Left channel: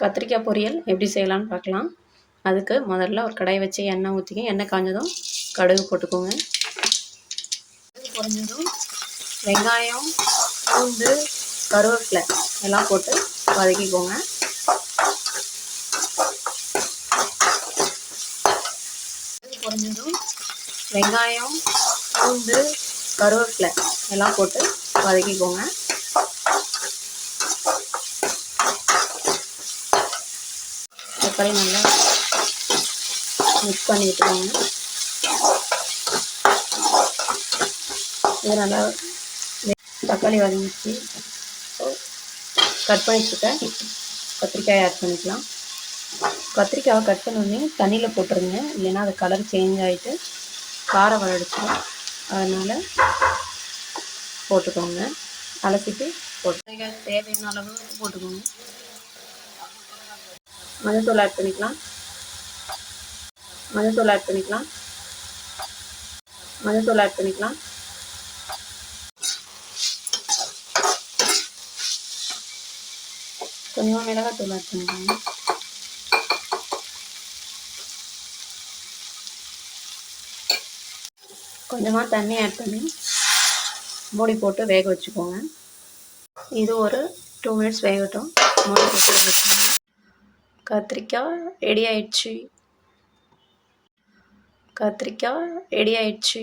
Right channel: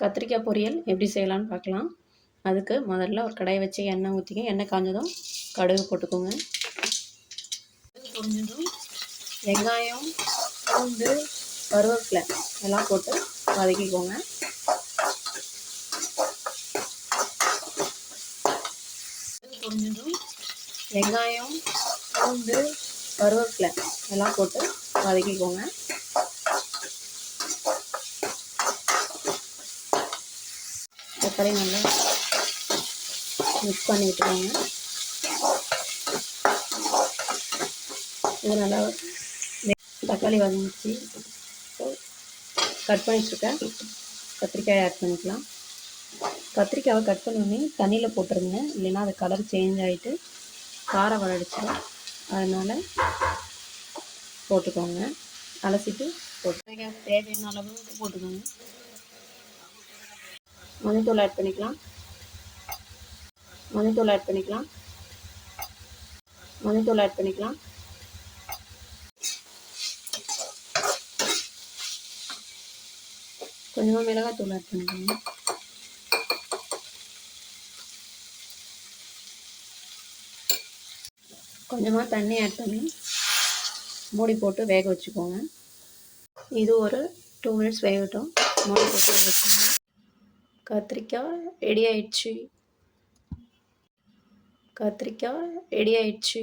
கத்திரிக்காய் பொரியல் எப்படி செய்யலான்னு பார்க்கலாம். அதுக்கு முதல்ல ஒரு கடாய் வச்சு எண்ணெய் ஊற்றிங்க எண்ணெய் காஞ்சதும் கடுகு போட்டுக்கோங்க. கடுகு பொரிஞ்சதும் வெங்காயம் பூண்டு கருவேப்பிலை எல்லாம் போட்டு வதக்கிக்கோங்க. கடுகு பொரிஞ்சதும் வெங்காயம் பூண்டு கருவேப்பிலை எல்லாம் போட்டு வதக்கிக்கோங்க. தக்காளி நல்லா மிக்ஸ் பண்ணி விட்டுருவாங்க இது நல்லா தக்காளி வதங்கிச்சு கட் பண்ணி வச்சுக்க கத்திரிக்காய் ஆட் பண்ணிக்கலாம். கத்திரிக்காவை கட் பண்ணி தண்ணியில் போட்டுருங்க. இல்லைன்னா அது கலர் சேஞ்ச் ஆகிட்டு காரம் வளடிச்சிடும் அதனால் போட்டுக்கோங்க. அலசிட்டு போட்டு தேவையான அளவு போட்டுக்கோங்க. மஞ்சள்தூள் ஆட் பண்ணிக்கலாம். மஞ்சள்தூள் ஆட் பண்ணிக்கலாம். மஞ்சள்தூள் ஆட் பண்ணிக்கலாம். கொஞ்சமாக மிளகாத்தூள் ஆட் பண்ணிக்கோங்க. கொஞ்சமாக தண்ணி ஆட் பண்ணி மூடி போட்டு வேக வச்சுக்கோங்க. இது ஒரு டூ மினிட்ஸ் வேகட்டும். மூடி போட்டு வேக வச்சுக்கோங்க. கத்திரிக்காய் ரெடி ஆயிடுச்சு. கத்திரிக்காய் ரெடி ஆயிடுச்சு.